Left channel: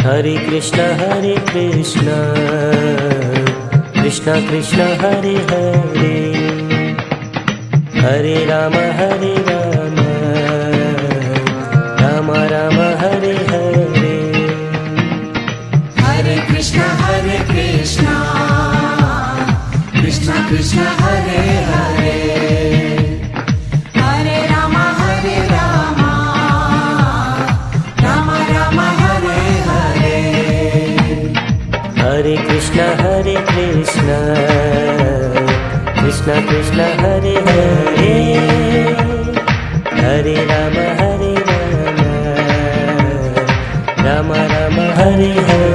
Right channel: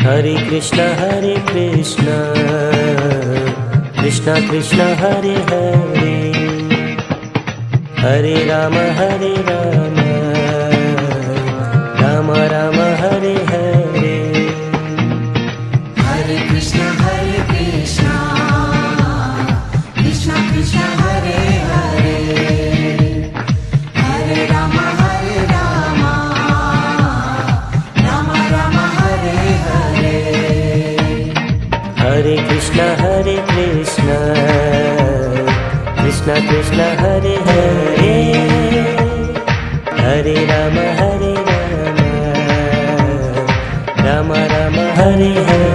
Hare Krishna Krishna Krishna Hare Hare, Hare Ram Ram Ram Hare Hare. Hare Krishna Krishna Krishna Hare Hare, Hare Ram Ram Ram Hare Hare. Hare Krishna Krishna Krishna Hare Hare, Hare Ram Ram Ram Hare Hare.